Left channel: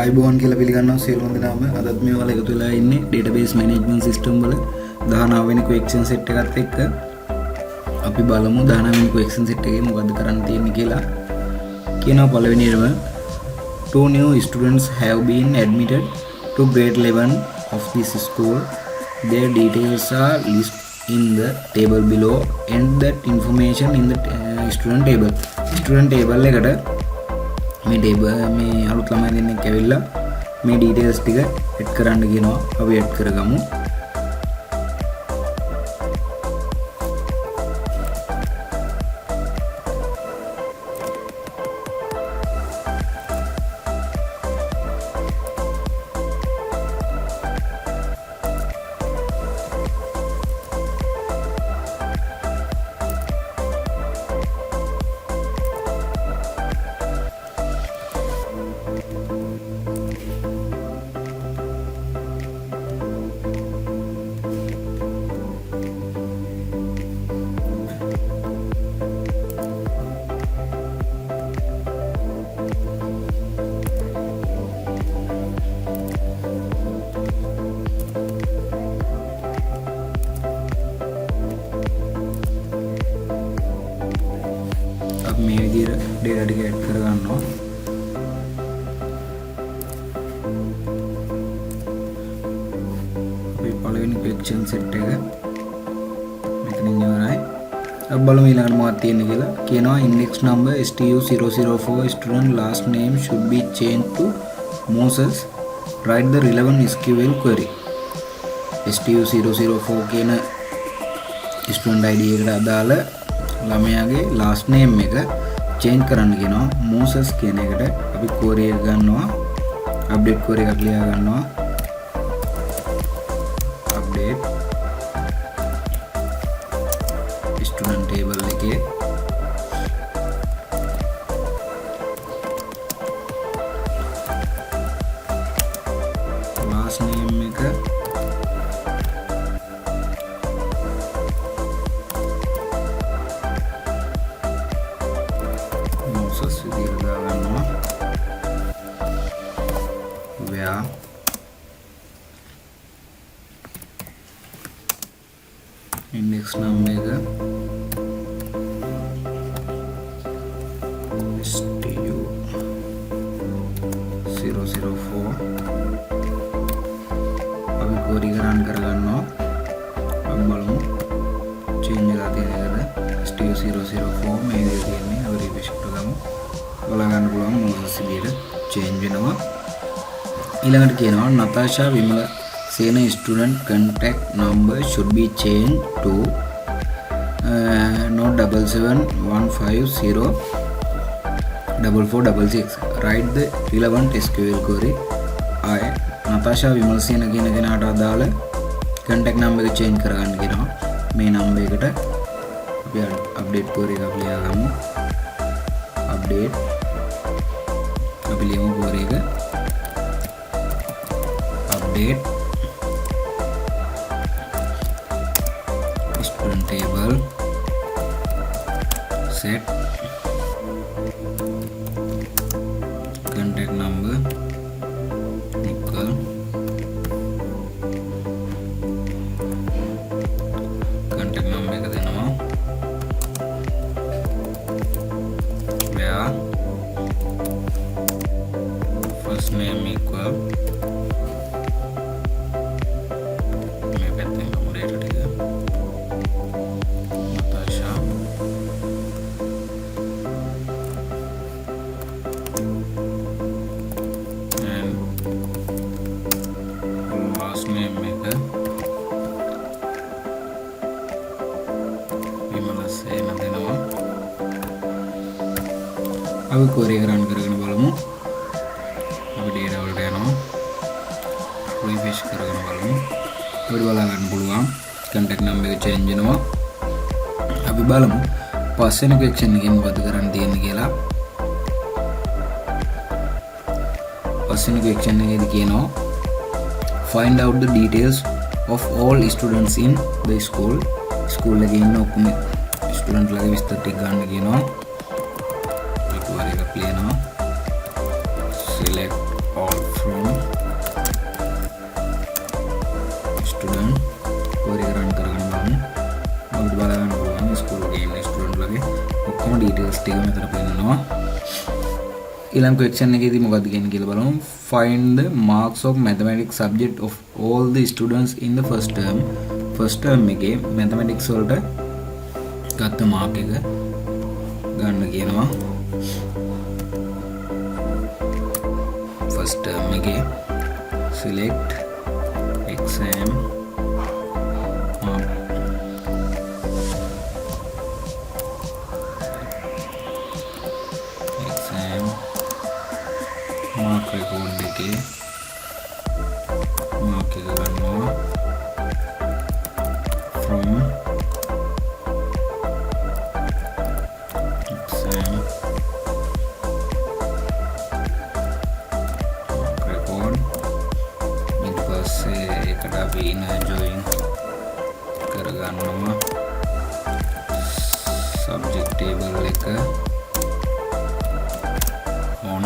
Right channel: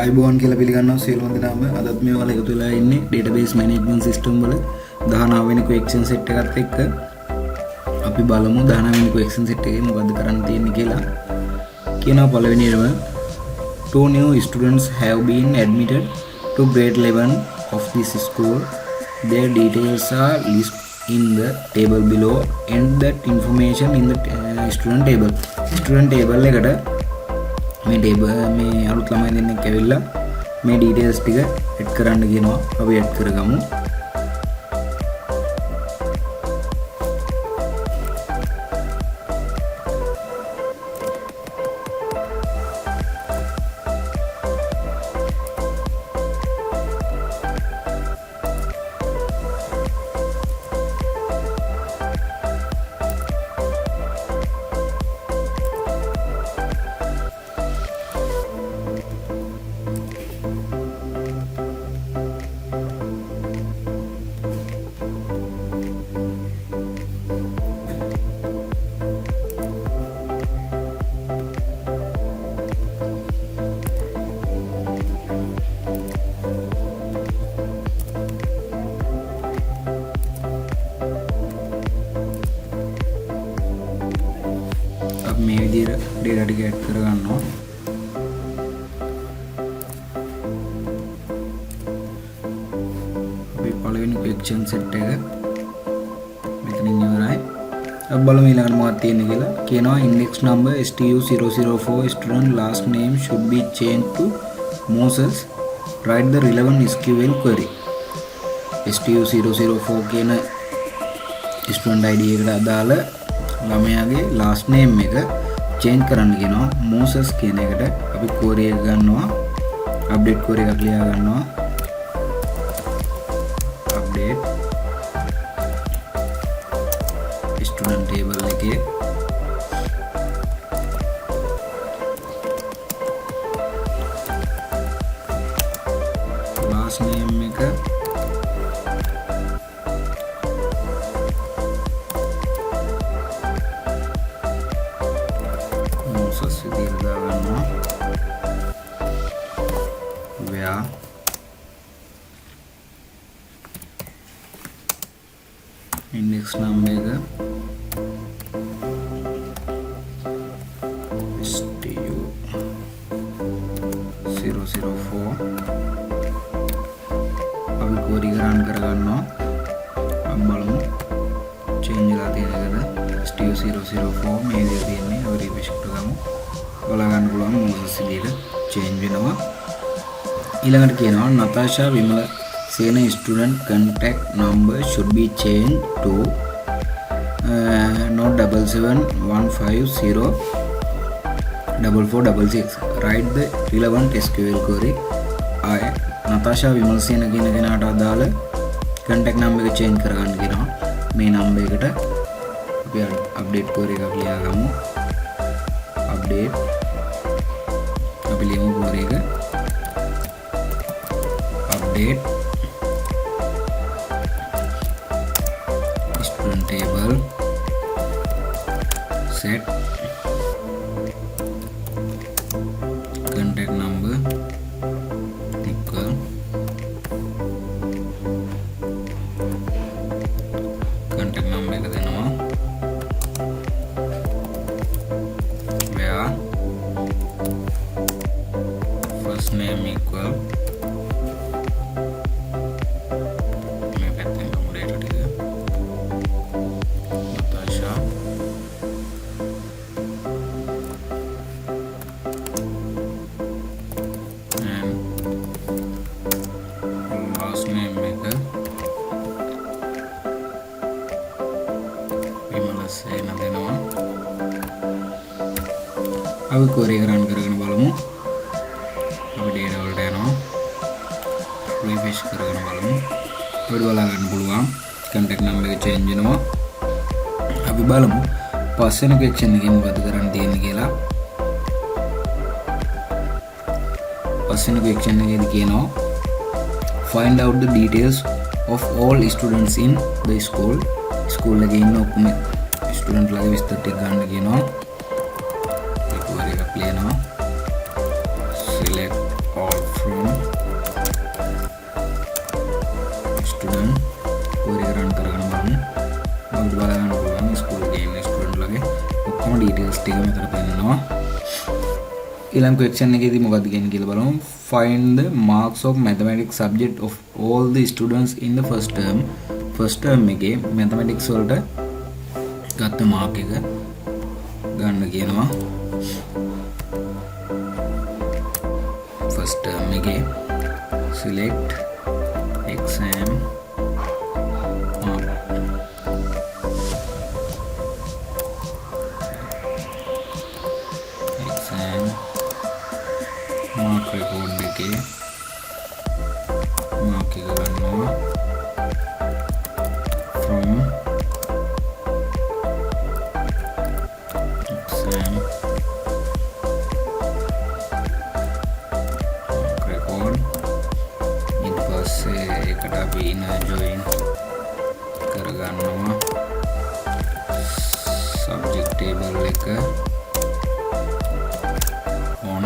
ආයිබෝන් කියලා පිළිගන්නවා සියලුම දෙනාම. අදත් මේ වල එකතු වෙලා ඉන්නේ database management system වල 19 වෙනි question set එකත් එක්ක අපි බලමු 19 වෙනි question set එකේ මොකද්ද කරන්න තියෙන්නේ කියලා. කියනවා පළවෙනියම two new students have been admitted to grade 11 of this school. Their details are listed in the table below and that information in the student table. Student table එකට මේ ටේබල් මේ අලුත් ළමයි දෙන්නෙක් ඇවිල්ලා මේ ඩීටේල්ස් ටික ඇඩ් කරන්න කියනවා. අපි ඇඩ් කරගමු. මේ විදිහට data ටික ඇඩ් කරගන්නවා. අපි පළවෙනි question set එක මෙතනින් ඉවරයි. අපි බලමු ඊළඟට මොකක්ද තියෙන්නේ කියලා. කියනවා index number STU004 student last name should be changed to Moses. Write the relevant SQL query. STU004 කියන student ID එකට අදාළ ළමයාගේ last name එක change කරන්න කියනවා. Moses කියන එකට අපි query එක ගන්නවා. update query එකක් ලියා ගන්නවා. update student table එකේ last name එක විදිහට දාගන්නවා. where index number එක STU004 අපි query run කරගන්නවා. අපි බලමු change වෙලා තියෙන එකද. STU004 මේ විදිහට තියෙන්නේ. අපි refresh කරගමු. බලා ගන්න පුළුවන් මොකද විදිහට change වෙනවා. ඊළඟට කියනවා Natasha Vimala Sena student contact number should be changed to not 77150446. Write the relevant SQL query. Natasha Vimala Sena කියන කෙනාට අදාළ contact number එක change කරගන්න කියනවා. මේ number එකට අපි update query එකක් ලියාගමු. update අපි ලියමු query එක update student table set contact number equal contact number එක දෙනවා. where first name equal මේ පැත්තෙන් ගමු data ටික Natasha and last name එක Vimala Sena දෙනවා. අපි query එක run කරගෙන බලමු. අපි data වලට යනවා. refresh කරගෙන බලමු. අපිට බලා ගන්න පුළුවන් contact number එක change වෙනවා. අපි බලමු පස්වෙනි question එකේ මොකද කරන්න තියෙන්නේ කියලා. පස්වෙනි question එකේදී කියනවා find out the details of all students in the school. school එකේ ඉන්න ඔක්කොම student ලගේ විස්තර ටික ගන්න කියනවා. query එකක් ලියනවා. select from student query එක run කරගෙන බලමු. අපිට බලා ගන්න පුළුවන් ස්කූල් එකේ ඉන්න ස්ටුඩන්ට් ලගේ ඔක්කොම ඩීටේල්ස් ටික මෙතන පෙන්නනවා. ඊළඟ question එකේදී මොකක්ද කියන්නේ කියලා බලමු. Find the marks of mathematics subject of all the students in the first term. first term එකේ mathematics වලට ගත්ත මාක් එක ගන්න කියනවා. first term එකේ select exam mark mark record එකේ mark එක ගන්නවා from exam mark record ඊට පස්සේ ඒකට අපි inner join කරගන්නවා subject table එක on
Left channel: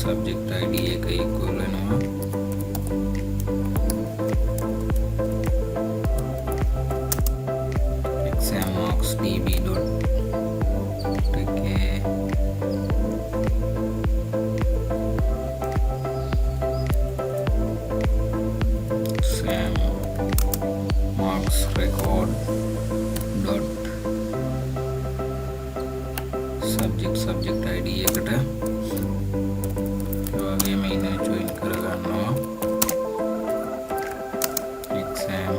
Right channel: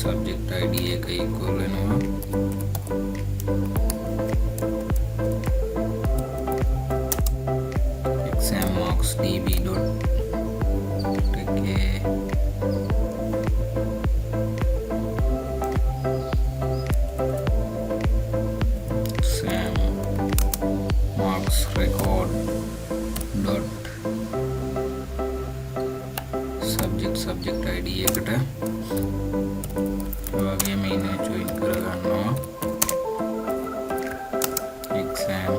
subject id එක equal වෙනවා exam marks db dot okay exam marks record dot subject id එකට වගේ මේන join කරගන්නවා exam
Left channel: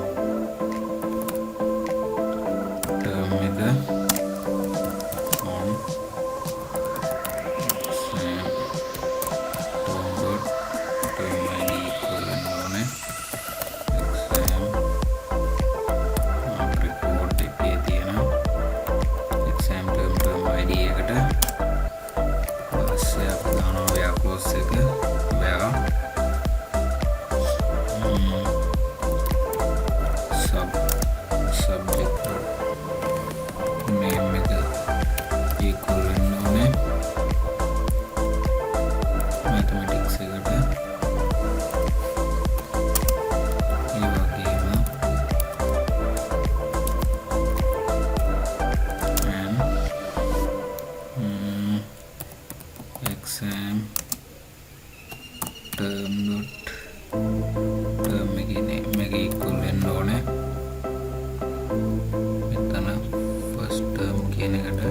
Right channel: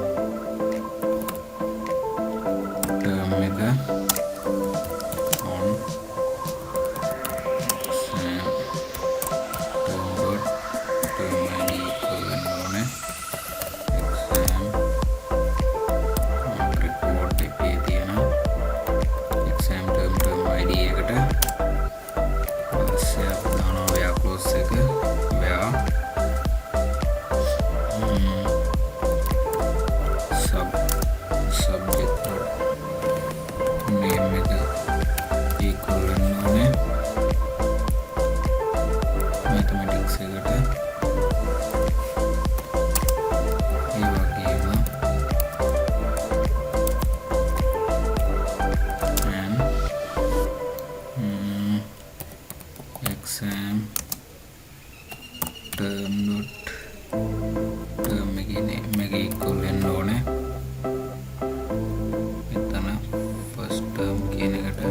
term එක on exam term dot term id equal වෙනෝනේ exam mark record එකේ තියෙන exam term id එකට පස්සේ අපි දානවා where close එක where subject dot name එක equal වෙනෝනේ mathematics එකට ඒ වගේම and exam term dot term එකේ name එක equal වෙන්න ඕනේ මෙතන first term කියන එකට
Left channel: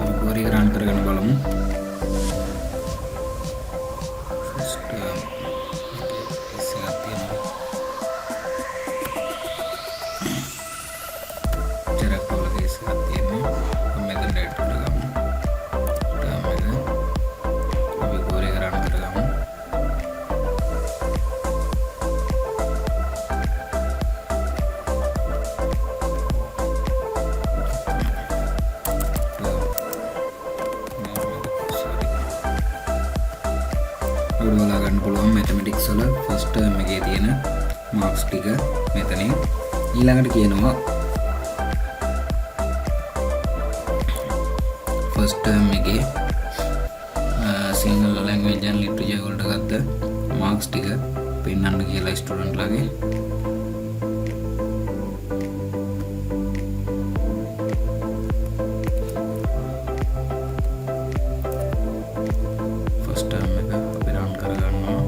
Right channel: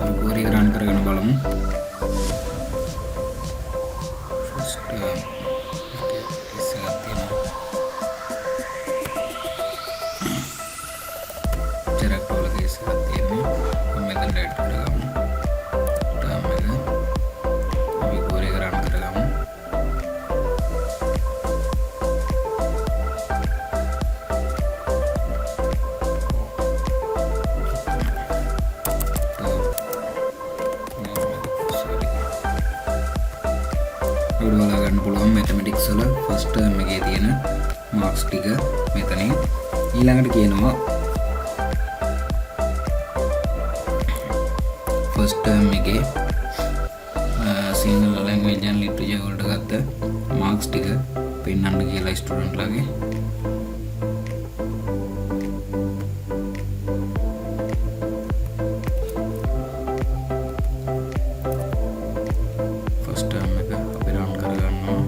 අපි query එක run කරගෙන බලමු first term එකේ is එකක් තියෙනවා character වල case එකක් තියෙන්නේ මෙතන write කරගමු term එක අපි query එක run කරගමු අපිට බලා ගන්න පුළුවන් mathematics වල first term එකේ තියෙන marks ටික මෙතනින් ඊළඟට කියනවා first term එකේ single language and literature වලට ගත්ත marks ටික පෙන්වන්න කියලා ස්ටුඩන්ට් ලාගේ first term එක අපි run කරගන්නවා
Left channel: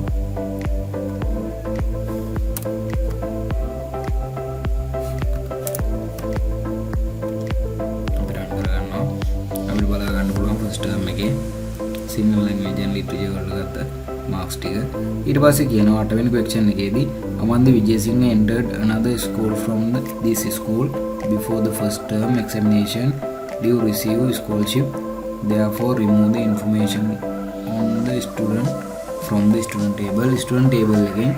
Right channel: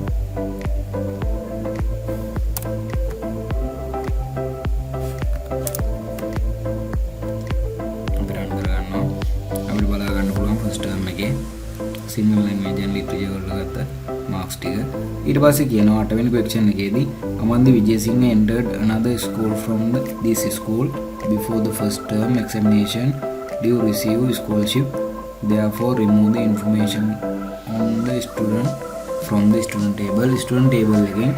අපිට බලා ගන්න පුළුවන් first term එකේ single language and literature වල ගත්ත marks ටික ඊට පස්සේ කියනවා 8 වෙනි question එකේදී Amanda Vijayasinghe entered another school from this school before the first term examination due receive scholarship therefore remove the information on the student from the student table එකෙන්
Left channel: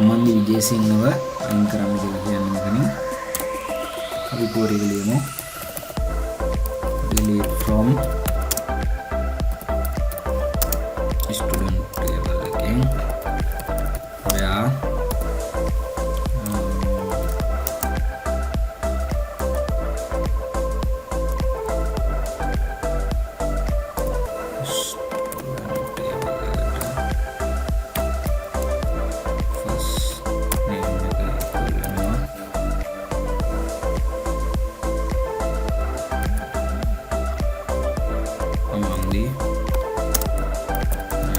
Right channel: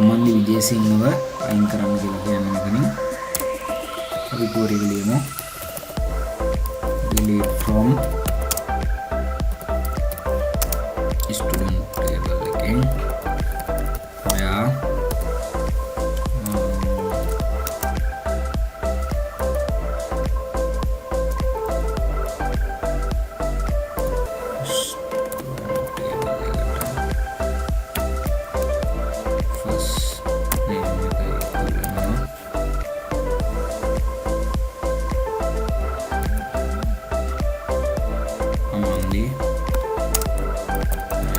Amanda Vijayasinghe අයින් කරන්න කියලා කියන්නේ මෙතනින් අපි query එක ලියමු delete from student table again where student table first name equal among the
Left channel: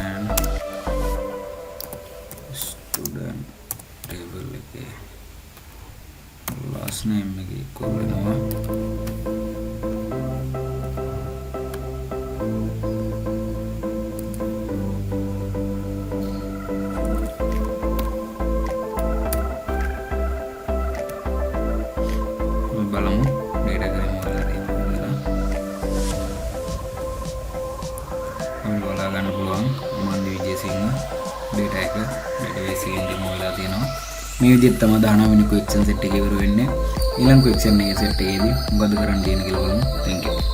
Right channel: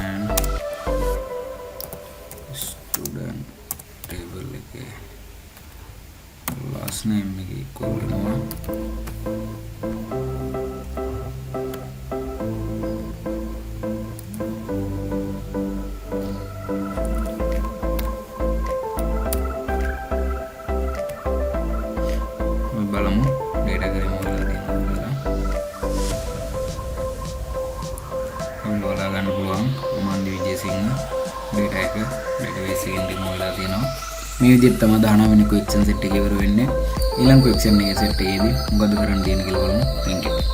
and student table last name equal බලමු ඩේටා කරේ මොකක්ද තියෙනවද කියලා. ඔයාලා බලා ගන්න පුළුවන් මන්දි විජේසිංහ ඩේටා එක ඩේටාබේස් එකෙන් රිමූව් වෙලා තියෙනවා. මේ විදිහට තමයි 19 වෙනි ක්වෙස්චන් සෙට් එක ඉවර වෙන්නේ. ඊළඟ ක්වෙස්චන් එකේ සෙට් එකේදී මොකද කරන්න තියෙන්නේ කියලා බලමු. Thank you.